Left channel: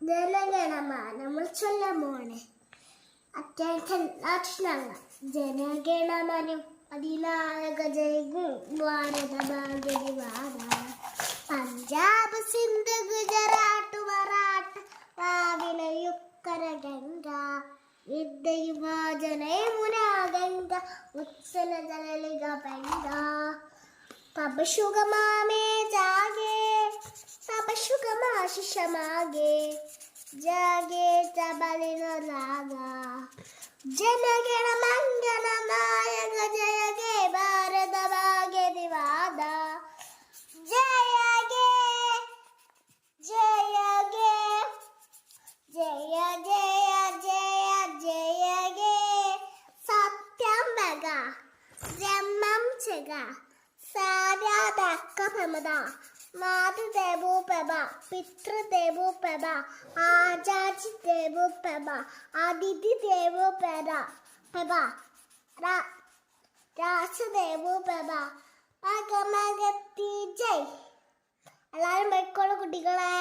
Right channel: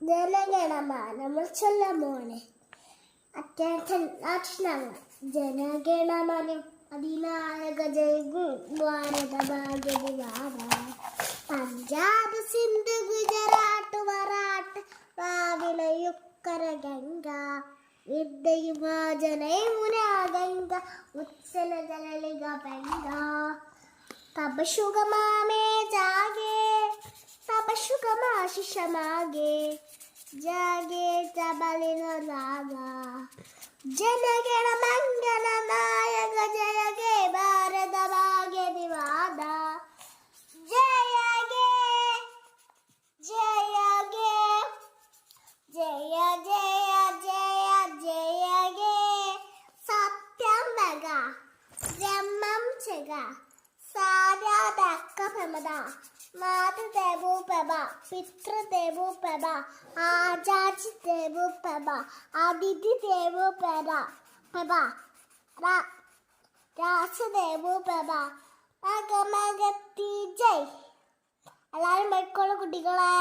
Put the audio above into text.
ജനഗണമന നമ്മൾ ചൊല്ലാൻ പോവാണ്. അത്യാവശ്യം ജനഗണമനം അതിനായക ജയ് ഭാരത ഭാഗ്യ വിവാദ പഞ്ചാബ് സിന്ധ് ഗുജറാത്ത് മറാഠ വാവിലയുക്കര ഗംഗ വിദ്യയുമാജനയമുന ഗംഗ ഉത്സല ജലലിക പെങ്ക തബ ശുഗമാമേ ജാഗേ തബ ശുഗമാശിഷമാഗേ ജാഗേ തബലിന രാഗ ಜನಗಣ ಮಂಗಲ ನಾಯಕ ಜಯ ಗೇ ಭಾರತ ಭಾಗ್ಯ ವಿವಾದ ಜಯ ಗೇ ಜಯ ಗೇ ಜಯ ಜಯ ಜಯ ಜಯ ಗೇ സത്യം ജന്മം ചെക സാരാതക്ക പ്രമദ മാതൃദേവോ പ്രഭ പിതൃദേവോ പ്രഭ ആചാര്യ ദേവോ പ്രഭ അതിഥി ദേവോ പ്രഭ രാസദേവോ പ്രഭ മകമകത്തി ജയ്. എല്ലാവരും പോയിക്കോളൂ കുട്ടികളെ.